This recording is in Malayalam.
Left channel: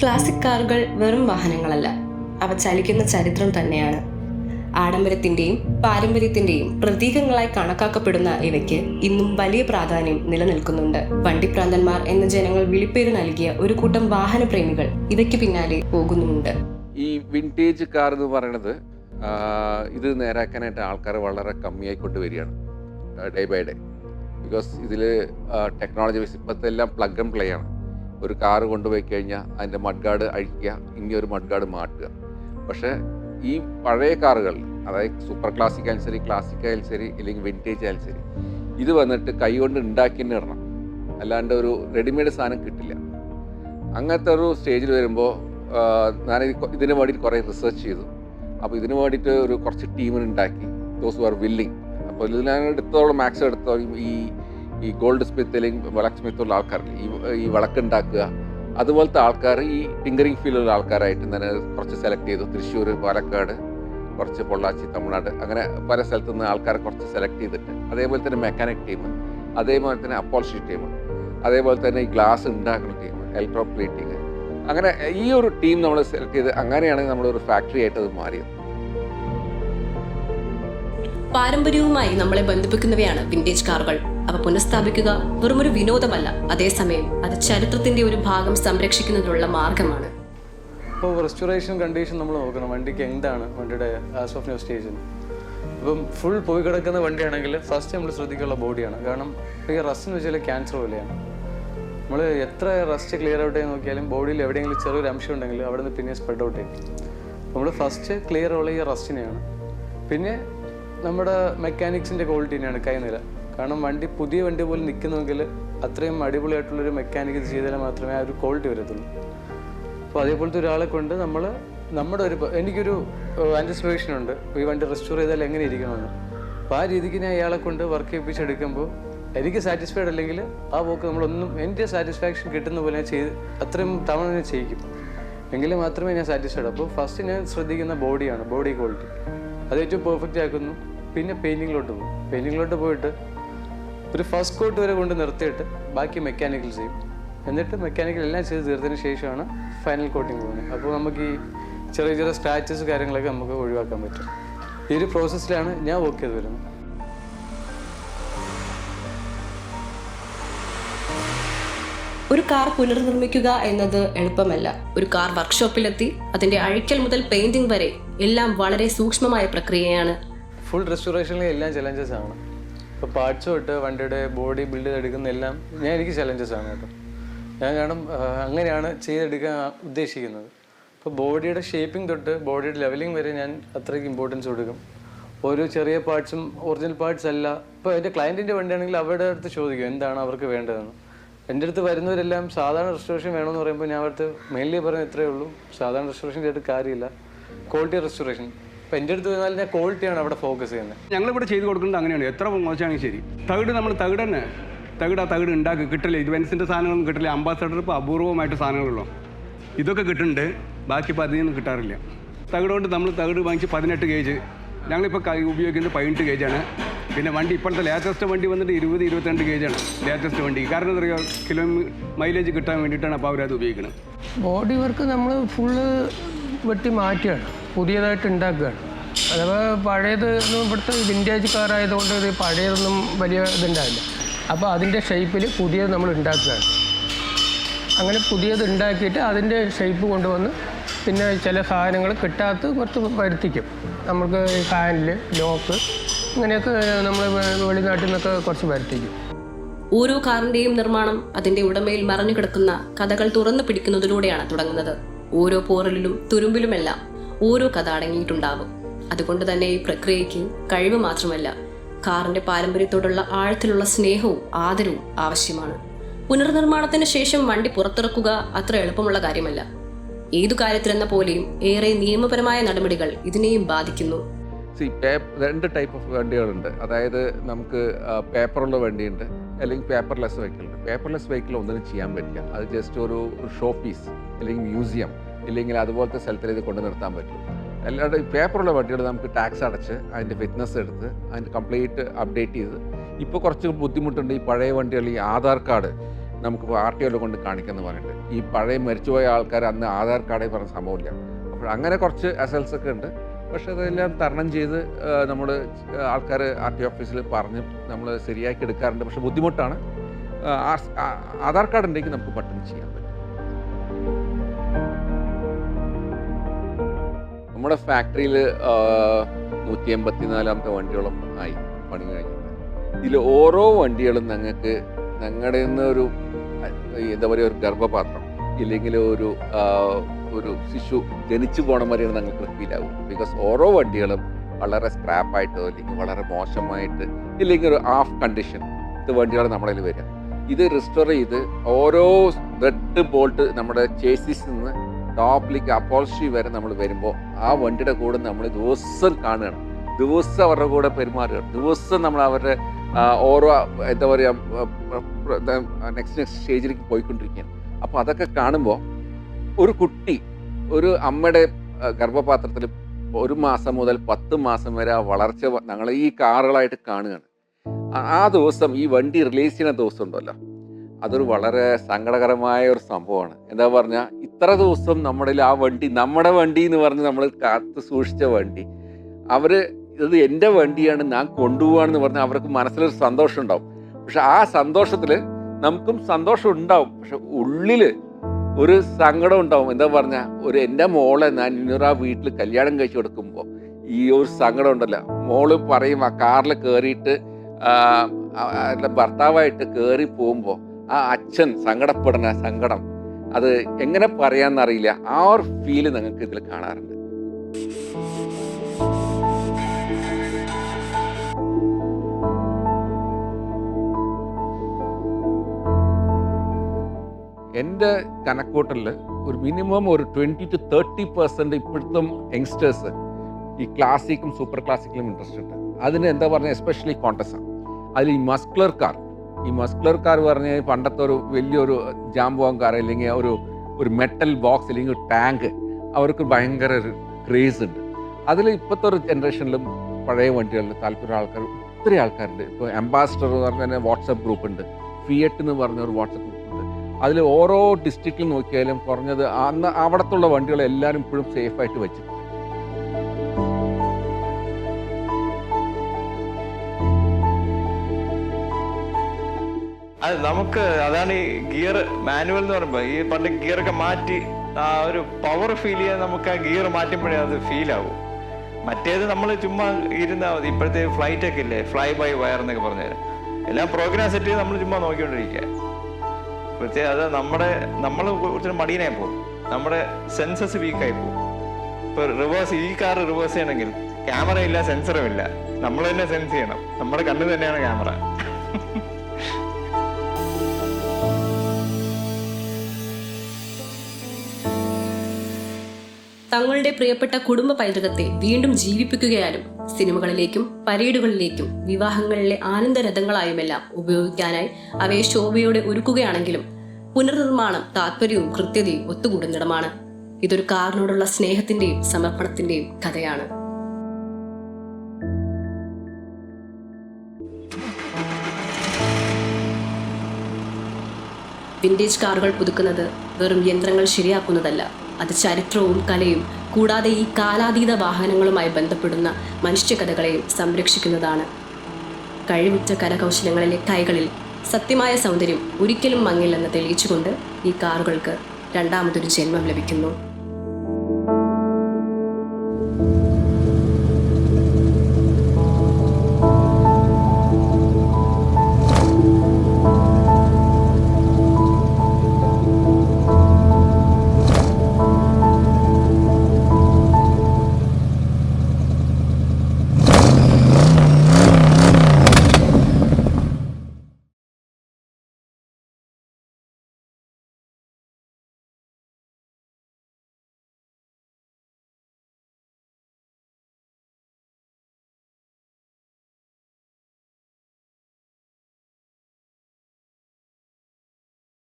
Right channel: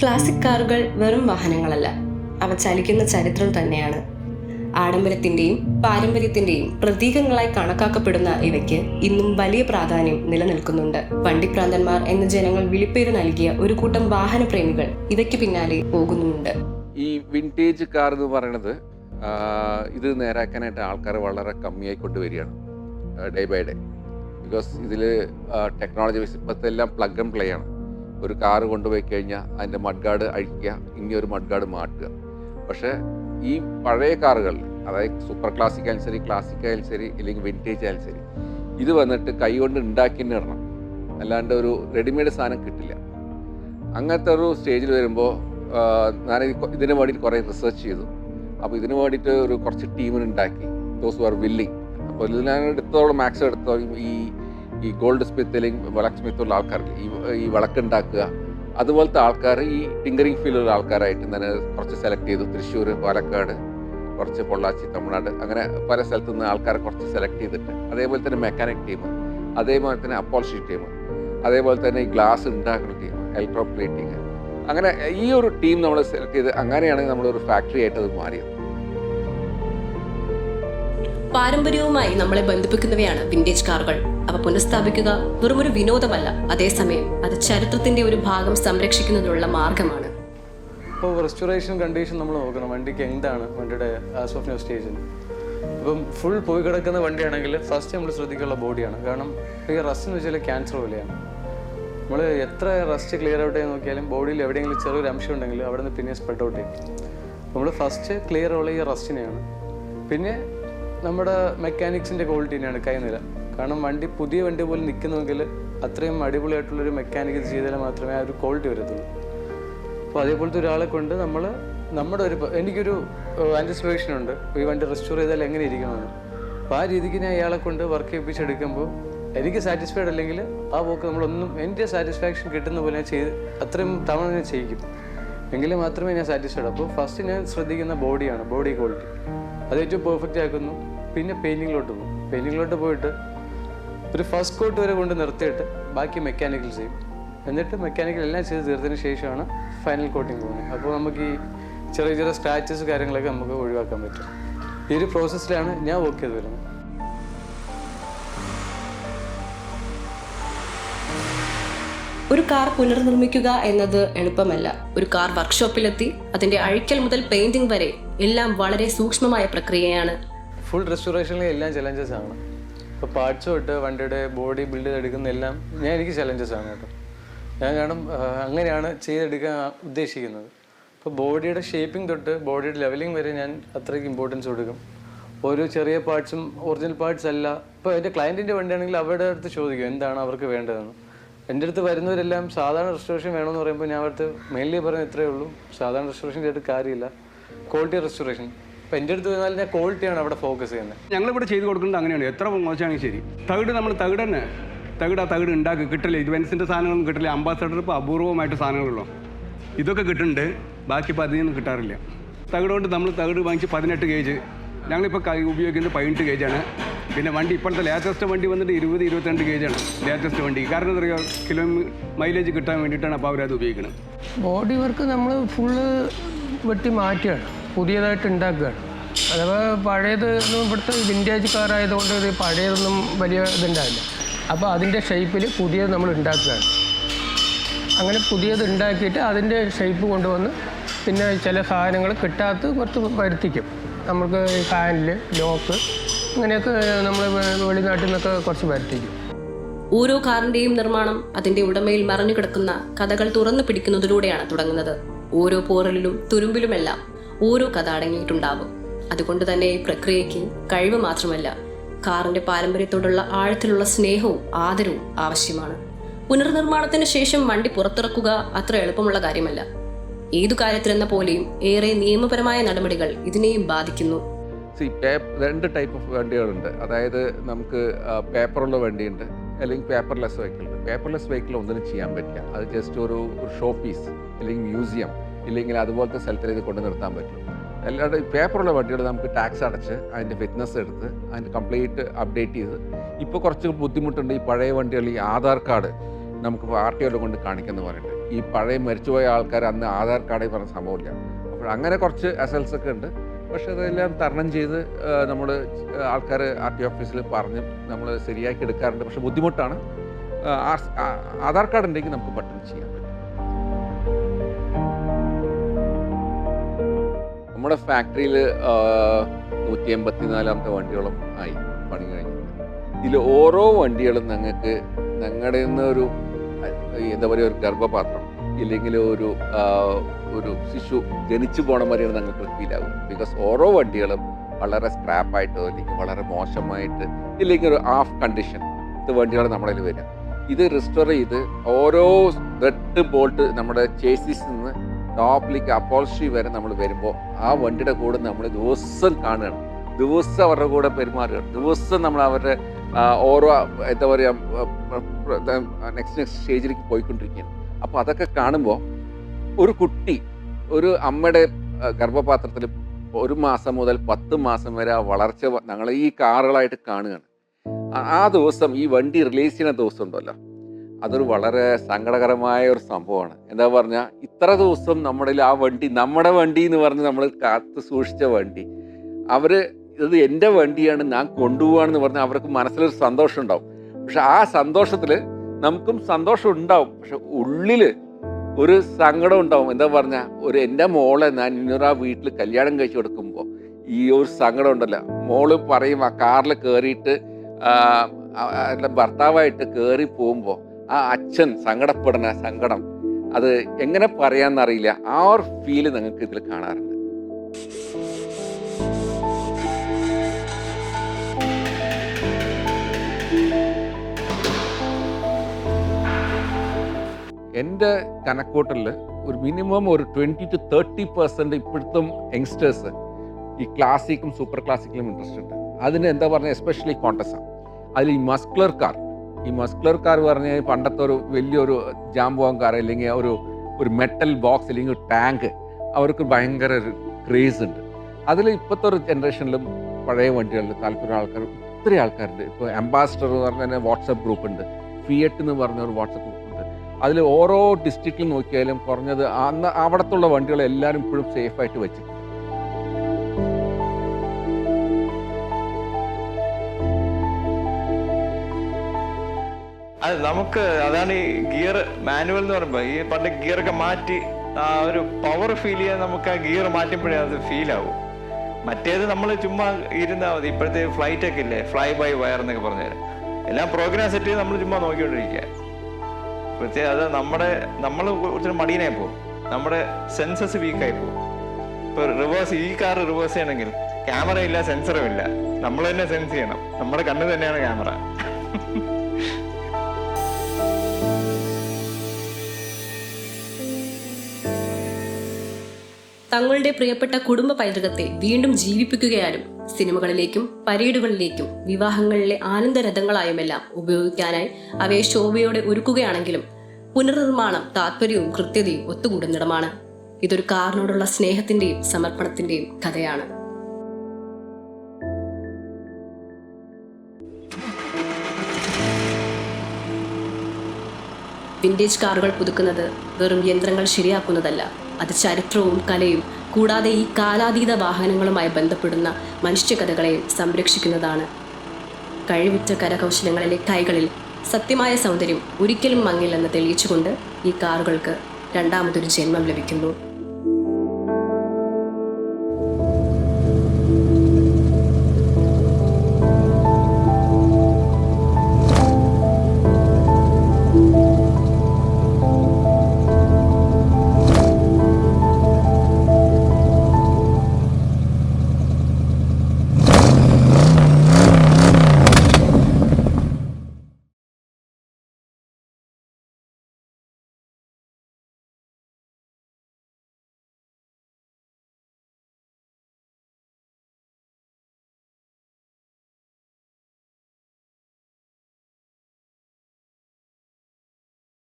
ക്ലാസിക് കാറുകൾ വെറും വാഹനങ്ങളല്ല, അവ ചലിക്കുന്ന ചരിത്രം തന്നെയാണ്. ആഡംബരത്തിന്റെയും പാരമ്പര്യത്തിന്റെയും പ്രതീകങ്ങളായി കണക്കാക്കപ്പെടുന്ന ഇവയ്ക്ക് ഇന്നും വലിയ പ്രാധാന്യം നിലനിൽക്കുന്നുണ്ട്. വണ്ടിപ്രാന്തന്മാർ എന്ന ജനങ്ങൾ വിളിപ്പേര് നൽകിയ ഒരു കൂട്ടം വാഹനപ്രേമികൾ ഇവയ്ക്ക് പിന്നാലെ പോകുന്നുമുണ്ട്. പാരമ്പര്യവുമായി നമ്മളെ ബന്ധിപ്പിക്കുന്നവയാണ് വിന്റേജ് കാറുകൾ. അവ പുനഃസ്ഥാപിക്കുക വെറുമൊരു വിനോദമല്ല, അതേസമയം അത് ചരിത്രത്തിന്റെ ഒരു ഭാഗം സംരക്ഷിക്കുന്നതിനുള്ള മാർഗമാണ്. ഇപ്പോൾ റെസ്റ്റോറേഷൻ കണ്ടീഷൻ നമ്മൾ നോക്കണം, വണ്ടിക്ക് എന്താണ് വണ്ടിയുടെ ആസ് ഓഫ് ന്യൂ സ്റ്റേജ്. ഇപ്പം ഫുൾ പോയി കിടക്കുന്ന വണ്ടിയാണെങ്കിൽ ഫസ്റ്റ് നമ്മൾ ശ്രദ്ധിക്കാനുള്ള ബോഡിയാണ്. കാരണം ഈ റസ്റ്റ് എന്ന് വെച്ചാൽ ക്യാൻസർ പോലെയാണ്. നമ്മൾ എത്ര റസ്റ്റ് ക്ലിയർ ഔട്ട് ചെയ്ത് നോക്കിയാലും ബോഡിയിൽ എവിടെയെങ്കിലും ചെറിയൊരു അംശം ഉണ്ടെങ്കിൽ അവിടെ നിന്ന് പിന്നെ സ്പ്രെഡ് ഔട്ട് ചെയ്യും. നമ്മൾ ഫസ്റ്റ് ക്ലിയർ ഉള്ള ഈ റസ്റ്റിനെയാണ്. പിന്നെ നമ്മുടെ മെക്കാനിക്സിൻ്റെ ക്വാളിറ്റി തന്നെയാണ് കൈനില. കാരണം വണ്ടി പുതിയ വണ്ടി പോലെ നിൽക്കുന്നുവെങ്കിൽ അത്രയും അടിപൊളിയായിട്ടുള്ളൊരു മെക്കാനിക്ക് ചെയ്താൽ മാത്രമേ ആ ഒരു ക്വാളിറ്റി വരത്തുള്ളൂ. അപ്പോൾ അതേപോലത്തെ ഒരാളെ കൊണ്ട് എനിക്കൊരു ആൻറ്റിസിപ്പേഷൻ ഉണ്ട് ഈ വണ്ടി റെസ്റ്റോർ ചെയ്താൽ എങ്ങനെ ഇരിക്കണമെന്ന്. അപ്പോൾ ആ രീതിക്ക് ഞാൻ ഇയാളെ കൊണ്ട് വർക്ക് ചെയ്യിപ്പിച്ചെടുക്കുമ്പോൾ എനിക്ക് സാറ്റിസ്ഫൈഡ് അല്ലെങ്കിൽ ആ പോക്ക് നമ്മളൊന്നും എൻ്റെ സാറ്റിസ്ഫാക്ഷൻ കിട്ടുന്ന പോലെ ഞാൻ അത്രയും തവണ ഞാൻ ചെയ്യിക്കും, എങ്കിൽ മാത്രമേ ഞാൻ സാറ്റിസ്ഫൈഡ്. അപ്പോൾ ഫസ്റ്റ് ഞാൻ ശ്രദ്ധിക്കുന്ന ബോഡിയാണ്, ബോഡി ക്വാളിറ്റി. അത് ഏറ്റവും പെർഫെക്റ്റ് ആക്കുന്നു. പിന്നെ പെയിൻറ്റിങ്ങിലോട്ട് പോകും. പെയിൻറ്റിങ്ങിലോട്ട് പോയിട്ട് ഒരു ഫസ്റ്റ് കോട്ട് വരെ കൊണ്ട് നിർത്തിയിട്ട് ബാക്കി മെക്കാനിക്കൽ ചെയ്യും. എന്നിട്ട് മെക്കാനിക്കൽ എല്ലാം ചെയ്ത് തീർത്തതിന് ശേഷമാണ് ഫൈനൽ കോട്ടിങ് പോകുന്നത്. അപ്പോൾ നമുക്ക് ഈ ചെറിയ ചെറിയ സ്ക്രാച്ചസ് കാര്യങ്ങളൊക്കെ നമുക്ക് ഒഴിവാക്കാൻ പറ്റും. ഈ ഒരു പ്രോസസ്സിലാണ് ഞാൻ വർക്ക് ചെയ്ത് വരുന്നത്. ഒരു കാർ പുനർനിർമ്മിക്കുക എന്നത് എളുപ്പമല്ല. ഒരു കാർ വർക്ക്ഷോപ്പിലെത്തി അതിന്റെ അഴിക്കൽ മുതൽ പെയിന്റിംഗ് വരെ എല്ലാം വളരെ സൂക്ഷ്മമായ പ്രക്രിയയാണ്. ഫുൾ റെസ്റ്റോറേഷനിലെ എല്ലാം ചലഞ്ചസ് ആണ്. ഇപ്പോൾ പാർട്സ് തൊട്ട് വണ്ടിയുടെ ബോഡി ബിൽഡ് ചെയ്തെടുക്കുന്ന എല്ലാം എനിക്ക് ചലഞ്ചസ് ആണ് കേട്ടോ. കാരണം അങ്ങനെയാണ് ചെയ്തെടുക്കാൻ ഉദ്ദേശിക്കുന്നത്. ഇപ്പോൾ ബോഡിയുടെ ഷേപ്പിംഗ് തൊട്ട് ബോഡിയുടെ ലെവലിംഗ് വരെ ഞാൻ അത്രയ്ക്ക് ഇമ്പോർട്ടൻസ് കൊടുക്കും. ഓരോ ചെറിയ പാർട്സും ഒറിജിനൽ പാർട്സ് അല്ല. ഇപ്പോൾ എൻ്റെ ക്ലയൻറ്റിൻ്റെ വണ്ടിയാണെങ്കിൽ അവരുടെ അടുത്ത് ചോദിക്കും എന്താണ് അവർക്ക് വേണ്ടതെന്ന്. എൻ്റെ അടുത്ത് വരുന്നവരെല്ലാം സാധാരണ റെസ്റ്റോറേഷൻ വേണമെന്ന് പറയുമ്പോൾ ഞാൻ അവർക്ക് മെയിൻലി പറയുന്നത് ഇത്രയേ ഉള്ളൂ, സാധാരണ റെസ്റ്റോറേഷൻ ചെയ്തിട്ട് കാര്യമില്ല, ക്വാളിറ്റി റെസ്റ്റോറേഷൻ. അപ്പോൾ എൻ്റെ അടുത്ത് വന്നാൽ ഞാൻ ക്വാളിറ്റിയാണ് അവിടെ ഫോക്കസ് ചെയ്യുന്നത്. ഞങ്ങളിവിടെ ചെയ്ത് കൊടുക്കുന്നത് അങ്ങനെയാണ്. എത്ര മോശമാണെങ്കിൽ ശരി, തകിട് തന്നെ തകിട് ഉണ്ടാക്കി കിട്ടില്ല. ഇത് വെൻസിൻ്റെ സാധനങ്ങളൊന്നും കിട്ടില്ല. അംബാസഡർ ഇപ്പോൾ അപൂർവമായിട്ട് സാധനങ്ങളുള്ളൂ. ഇതൊക്കെ കിട്ടുന്നുണ്ട്, ബാക്കി ഇപ്പോൾ അതിനൊന്നും കിട്ടാറില്ല. തകിട് കൊണ്ട് നമ്മൾ തകിട് വാങ്ങിച്ച് 18 ഗേജ്, ഞങ്ങളിപ്പോൾ ഉപയോഗിക്കുന്നത് 18 ഗേജാണ്. പിന്നെ വണ്ടി ഇപ്പോഴത്തെ ലേറ്റസ്റ്റ് വണ്ടി വന്നിട്ട് 20-22 ഗേജാണ് ലേറ്റസ്റ്റ് വണ്ടി. കാരണം എന്താ പറയുക, മൈലേജ് കിട്ടാൻ വേണ്ടിയിട്ടാണ് അപ്പോൾ അവരത് ഉപയോഗിക്കുന്നത്. ബോഡി വർക്ക് നമ്മൾ ഫുള്ള് വെട്ടി മാറ്റുകയാണ്, പുതിയതായിട്ട് ഉണ്ടാക്കുകയാണ്. അഥവാ പഴയത് ഇവിടുത്തെ വിൻറ്റേജ് കാറായതുകൊണ്ട് ഇത് പഴയതൊന്നും വലിയ ഇതുണ്ടാവില്ല. അപ്പോൾ അതിൻ്റെ ഷേപ്പിൽ പുതിയത് നമ്മൾ ഉണ്ടാക്കുകയാണ്. അങ്ങനെ പുതിയത് ഉണ്ടാക്കിയിട്ട് അതിൻ്റെ ഷേപ്പ് കൊണ്ടുവന്ന് പിന്നെ ചില സാധനങ്ങൾ കിട്ടാത്ത കുറച്ച് വരുത്തിക്കും. നമുക്ക് ഹാൻഡിൽ, ലോക്ക്, ഇങ്ങനെയൊക്കെ നമ്മൾ വെളിനാട്ടിൽ നിന്നൊക്കെ കുറച്ച് വരുത്തിക്കും. ഓരോ കാറിന്റെയും നിർമ്മാണം അതിന്റെ ഉടമയിൽ മറഞ്ഞു കിടക്കുന്ന കഥകൾ തുറന്നു പിടിക്കുന്നതിലൂടെയാണ് തുടങ്ങുന്നത്. ഓരോ പോറലിലും തുരുമ്പിലുമെല്ലാം ഓരോ കഥ അടങ്ങിയിട്ടുണ്ടാവും. അതുകൊണ്ട് തന്നെ ഈ പ്രക്രിയയ്ക്ക് കഴിവ് മാത്രമല്ല, കാറിന്റെ പാരമ്പര്യത്തോടുള്ള ആഴത്തിലുള്ള സ്നേഹവും ആദരവും ആവശ്യമാണ്. പുനർനിർമ്മാണത്തിന് ശേഷം വണ്ടി പുറത്തിറക്കുക അത്ര എളുപ്പമുള്ള കാര്യമല്ല. ഏതു കാര്യത്തിലെന്ന പോലെയും ഏറെ നിയമപരമായ നടപടികൾ ഇതിനെയും ബാധിക്കുന്നു. അത് നമുക്ക് അതാണ് ഈ ഗിയർ മാനുവൽ എന്ന് പറയുമ്പോൾ ഈ പണ്ട് ഗിയറൊക്കെ മാറ്റി ആ ഒരു പവർ ഫീൽ ചെയ്യാൻ നമുക്ക് ആ ഗിയർ മാറ്റുമ്പോഴേ അത് ഫീൽ ആവും. മറ്റേത് നമ്മൾ ചുമ്മാ ഇരുന്നാൽ മതി. ഇപ്പോഴത്തെ ഫ്ലൈറ്റ് ഒക്കെ ഇല്ലേ, ഫ്ലൈ ബൈ വയർ എന്നൊക്കെ പറഞ്ഞുതരാം, എല്ലാം പ്രോഗ്രാം സെറ്റ് ചെയ്ത് നമ്മൾ ചുമ്മാ നോക്കിക്കൊണ്ടിരിക്കുക. പ്രത്യേകം അത് നമ്മൾ കുറച്ച് മടിയനായി പോകും, നമ്മുടെ സെൻസസ് വീക്കായി പോകും. ഇപ്പോൾ റിവേഴ്സ്, ഈ കാർ റിവേഴ്സ് ചെയ്യണമെങ്കിൽ ക്യാമറ ഇല്ല, സെൻസറും ഇല്ല, നമ്മൾ തന്നെ സെൻസ് ചെയ്യണം. നമ്മുടെ കണ്ണ് തന്നെയാണ് ക്യാമറ. തങ്ങളുടെ പ്രിയപ്പെട്ട കുടുംബ പൈതൃകത്തെ വീണ്ടും ജീവിപ്പിക്കുകയാലും സിനിമകളിലേക്കും പരേഡുകളിലേക്കും വിവാഹങ്ങളിലെ ആനന്ദരഥങ്ങളായുമെല്ലാം ഉപയോഗിക്കാനായി അവയെ ശോഭയോടെ ഒരുക്കുകയാണെങ്കിലും പുനർനിർമ്മാണം താത്പര്യവും കൃത്യതയും ഒത്തുകൂടുന്നിടമാണ്. ഇതൊരു കാറിനോടുള്ള സ്നേഹത്തിന്റെയും സമർപ്പണത്തിന്റെയും കഥയാണ്. വിന്റേജ് കാറുകൾ പുതുക്കുന്നത് വെറും യന്ത്രങ്ങൾ ശരിയാക്കുന്നതല്ല, അത് ചരിത്രവും കലയും കൂടാതെ ഈ കാലാതീത വാഹനങ്ങളുമായി ബന്ധപ്പെടുന്ന മനുഷ്യകഥകളെയും സംരക്ഷിക്കുന്നതാണ്. കഴിവുറ്റ കരകൗശലങ്ങളിലെ കൈകളിൽ സത്യമായ സൗന്ദര്യം ഒരിക്കലും മങ്ങില്ലെന്ന് തെളിയിച്ചുകൊണ്ട് ഈ കാറുകൾക്ക് രണ്ടാമതൊരു ജന്മം ലഭിക്കുന്നു.